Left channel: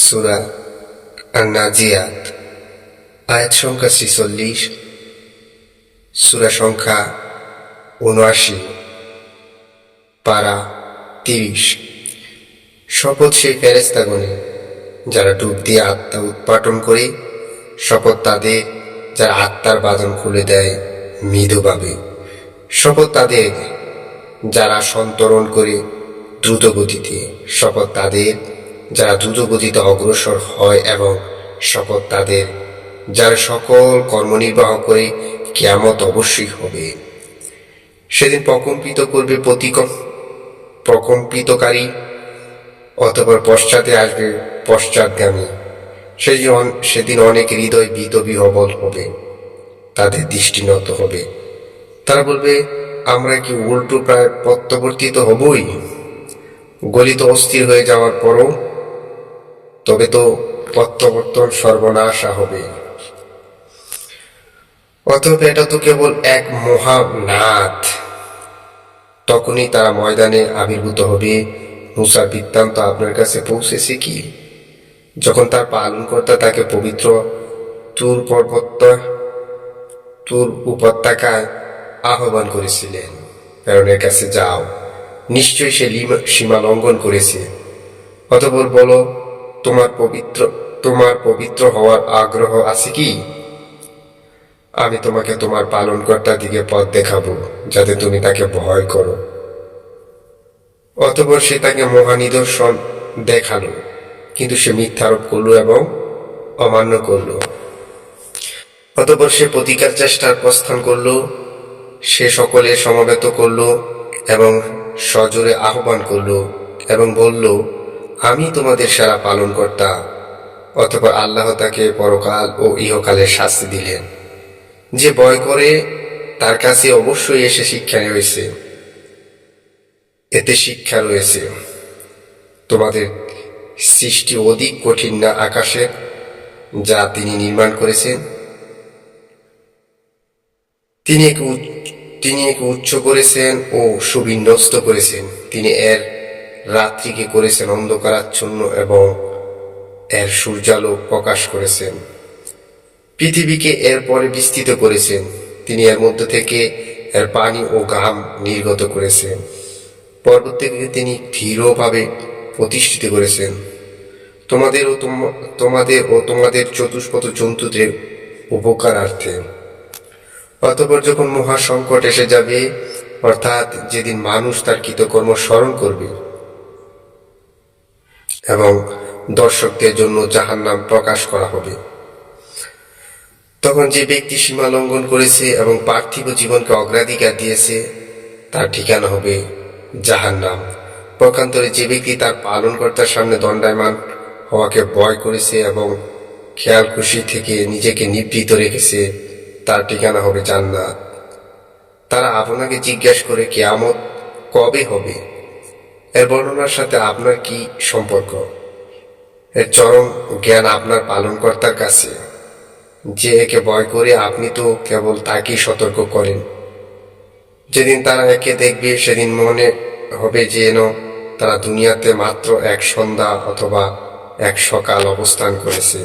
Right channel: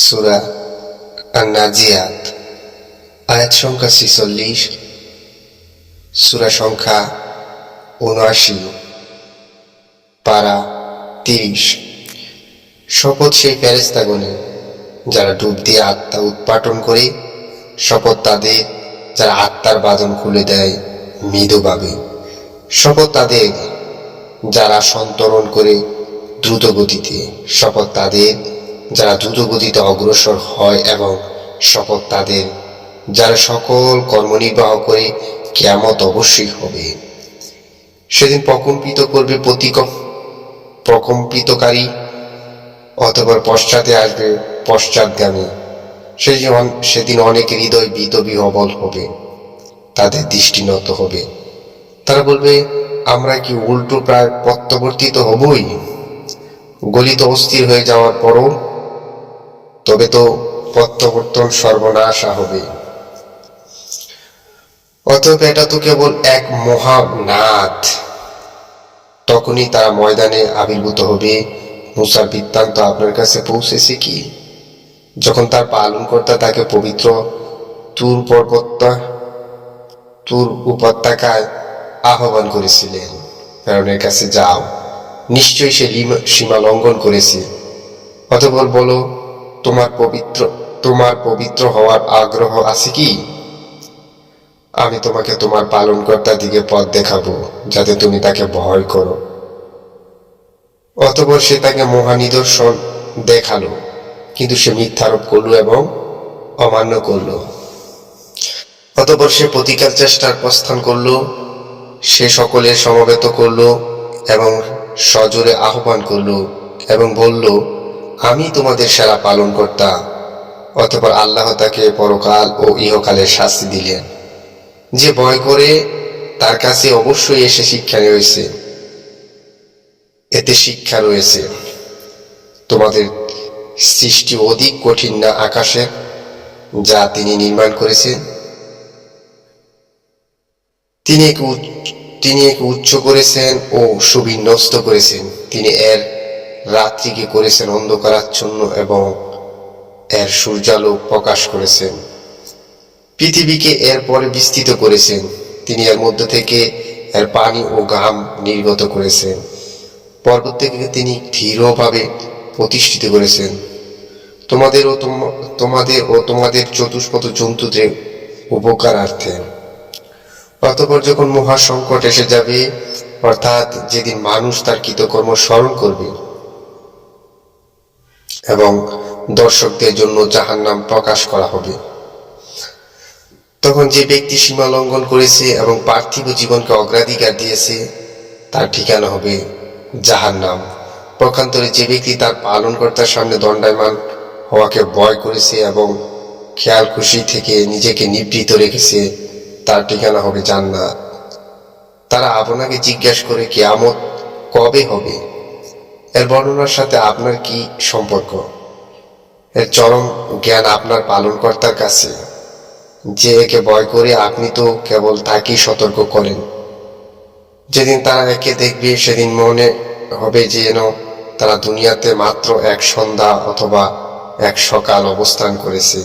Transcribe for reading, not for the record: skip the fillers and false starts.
সূরা আন-নাজিয়াত আয়াত সংখ্যা ৪৬, সূরা সংখ্যা ৭৯, পারা ৩০। শপথ সেই ফেরেশতাগণের যারা ডুব দিয়ে আত্মা উৎপাটন করে, শপথ তাদের যারা আত্মার বাঁধন খুলে দেয় মৃদুভাবে, শপথ তাদের যারা সন্তরণ করে দ্রুত গতিতে, শপথ তাদের যারা দ্রুত গতিতে অগ্রসর হয়, এবং শপথ তাদের যারা সকল কর্মনির্বাহ করে। কিয়ামত অবশ্যই হবে। সেদিন প্রকম্পিত করবে প্রকম্পিতকারী, অতঃপর পশ্চাতে আসবে পশ্চাৎগামী। সেদিন অনেক হৃদয় ভীত বিহ্বল হবে, তাদের দৃষ্টি নত হবে। তারা বলবে, আমরা কি উল্টো প্রায় প্রত্যাবর্তিত হবই? গলিত অস্থির হয়ে যাওয়ার পরও তবে তো প্রত্যাবর্তন সর্বনাশা হবে। অতএব এটা তো কেবল এক মহানাদ। তখনই তারা ময়দানে আবির্ভূত হবে। মুসার বৃত্তান্ত আপনার কাছে পৌঁছেছে কি? যখন তার পালনকর্তা তাকে পবিত্র তুর উপত্যকায় আহ্বান করেছিলেন, ফেরেশতার কাছে যাও, নিশ্চয়ই সে সীমা লঙ্ঘন করেছে। অতঃপর বলো, তোমার পবিত্র হওয়ার আগ্রহ আছে কি? আমি তোমাকে তোমার পালনকর্তার দিকে পথ দেখাবো, যাতে তুমি তাকে ভয় করো। অতঃপর সে তাকে মহানিদর্শন দেখালো, কিন্তু সে মিথ্যারোপ করল এবং অমান্য করল। অতঃপর সে প্রতিকার চেষ্টার প্রস্থান করল। সে সকলের সমবেত করল এবং সজোরে আহ্বান করল এবং বলল, আমি তোমাদের সেরা পালনকর্তা। অতঃপর আল্লাহ তাকে পরকাল ও ইহকালের শাস্তি দিলেন। যে ভয় করে তার কাছে অবশ্যই এতে শিক্ষা রয়েছে। তোমাদের সৃষ্টি অধিক কঠিন না আকাশের, যা তিনি নির্মাণ করেছেন? তিনি একে উচ্চ করেছেন ও সুবিন্যস্ত করেছেন। তিনি এর রাত্রিকে করেছেন অন্ধকারাচ্ছন্ন এবং এর সূর্যালোক প্রকাশ করেছেন। পৃথিবীকে এর পরে বিস্তৃত করেছেন। তিনি এর মধ্য থেকে এর পানি ও ঘাম নির্গত করেছেন। পর্বতকে তিনি দৃঢ়ভাবে প্রতিষ্ঠিত করেছেন, তোমাদের ও তোমাদের চতুষ্পদ জন্তুদের উপকারার্থে। অতঃপর যখন মহা সংকট এসে যাবে, অর্থাৎ যেদিন মানুষ তার কৃতকর্ম স্মরণ করবে এবং দর্শকদের জন্য জাহান্নাম প্রকাশ করা হবে, তখন যে ব্যক্তি সীমা লঙ্ঘন করেছে এবং পার্থিব জীবনকে অগ্রাধিকার দিয়েছে, তার ঠিকানা হবে জাহান্নাম। পক্ষান্তরে যে ব্যক্তি তার পালনকর্তার সামনে দণ্ডায়মান হওয়াকে ভয় করেছে এবং খেয়াল খুশি থেকে নিজেকে নিবৃত রেখেছে, তার ঠিকানা হবে জান্নাত। তারা আপনাকে জিজ্ঞাসা করে, কিয়ামত কবে হবে? এর বর্ণনার সাথে আপনার কি সম্পর্ক? এর চরম জ্ঞান আপনার পালনকর্তার কাছে। যে একে ভয় করে, আপনি তো কেবল তাকেই সতর্ক করেন। যেদিন তারা একে দেখবে, সেদিন মনে হবে যেন তারা দুনিয়াতে মাত্র এক সন্ধ্যা অথবা এক সকাল অবস্থান করেছে।